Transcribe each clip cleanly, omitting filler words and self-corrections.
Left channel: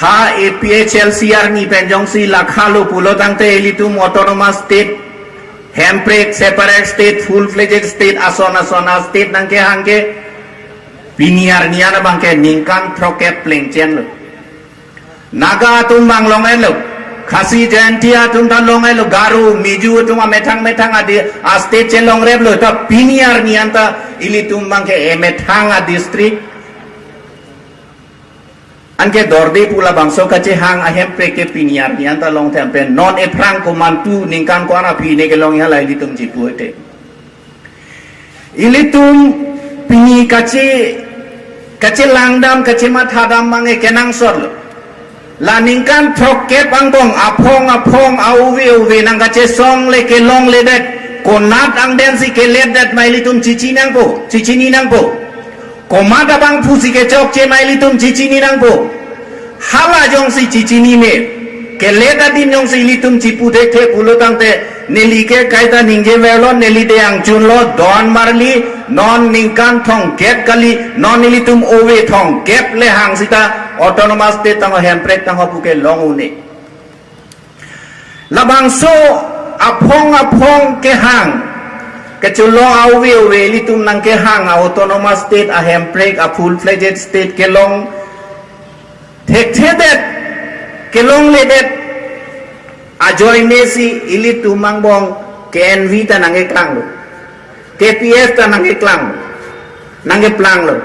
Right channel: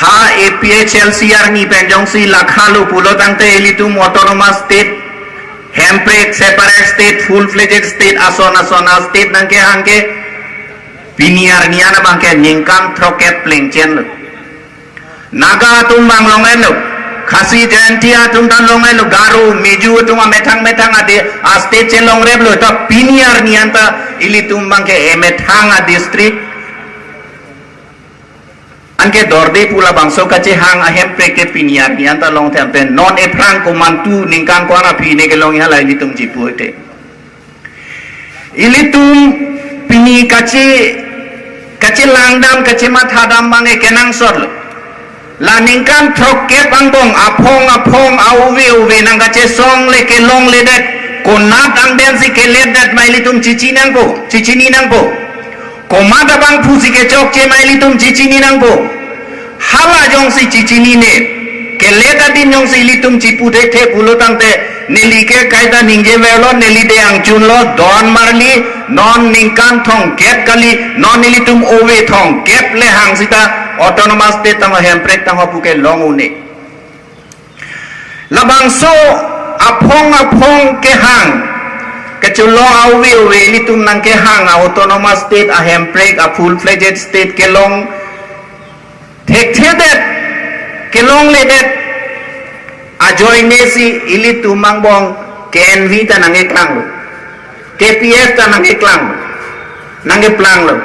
ha APHLCR ni penjong si lakhalu pulo tangte elitum autonomous state handbrake separate state full fledged state asona state nangke hangke piniar niana bangke ningkan troket plengchen naga tum bang longen lo khasi jantia tum dan longen lo garu miju tum metang ade state chen long reb lo ta piniar nianta ilitum bangke metang district anke dorde pula bangso kace hang ahem preke piniar ni anta long tempe non e prang ko mantu ningkan ko ara pine ke long hala ini tum jipu ete ilitum pini kace langdam kace mathadam bange kenang sor la ningkan trokke bangbong apong auwe nang kace song le ke long le det konat ang ben si ke le det mailitum cicini nang po komada bang pusi ke chok che mailitum cicini nang po hala jong si cicini ne ke leda din jong si litum cipu de the pulo tangte neli ke kaida ningje velo neli de ang chun lo don marli non ningkan thong gap kali non nilitum owe thong gap le hang sita autonomous state tang handbrake tang pu ke long une labang so apong ke hang keculo auwe litum nang ke hang autonomous state a handbrake a full fledged state ke long thek thedet ke long le det a joy mesi ilitum mangbong KNV ta nang e klang lo KPF ta nang e klang nang e plang lo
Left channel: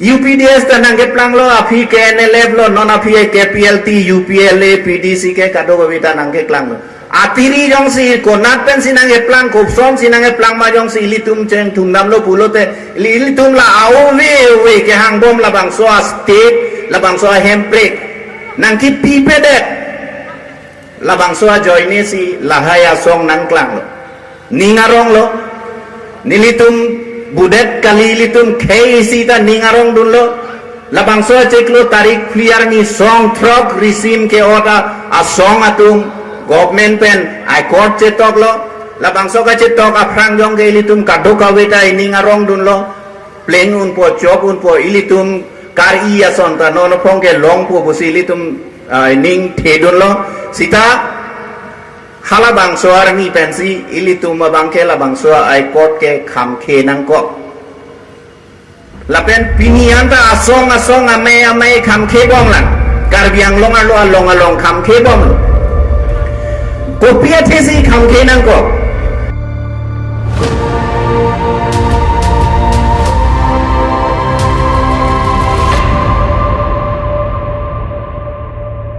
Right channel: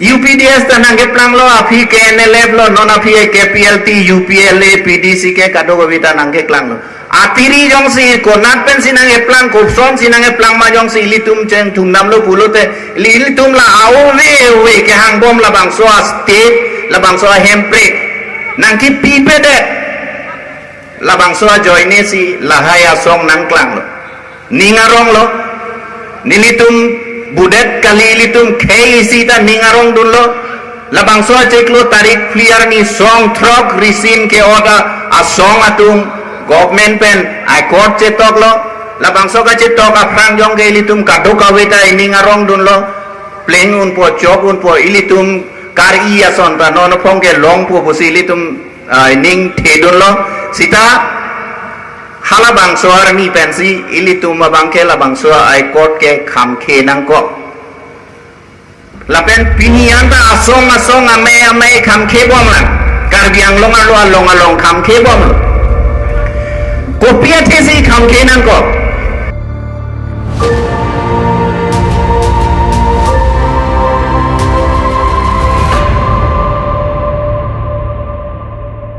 UPDS ta nang e plang lo api KNLF lo non api KPLT UPLA PDC ke kado bita nang e klang lo atiri jong si konat pen sinang e plang kopsom sinang e plang ma jong si litum chen thungnam lo pulote litum la auwe ke hang bom la bang so state la bang so handbrake nang ki pipedet la bang so joine si la haya song nang klang lo ningarong lo nilitum budet kali litum khei si ta ningarong dun lo la bang so cheklo tarik clear ni song throk risin ke oda a song atung government pen I court cetok lo labang soka cetok aprang jong ke ilitum kado kaweta ini ngarong dun lo pleng un po job un po ilitum kar iya son ta nono pong ke long po posi ilitum ning the dun lo sita hala bang so army pensi ilitum mabang ke labang so I court ke kham ke nang ko lapen pinian ta asong ame kham ke bom lang kar biang long kham ke bom lo Kopiya thesi kham ke nang ko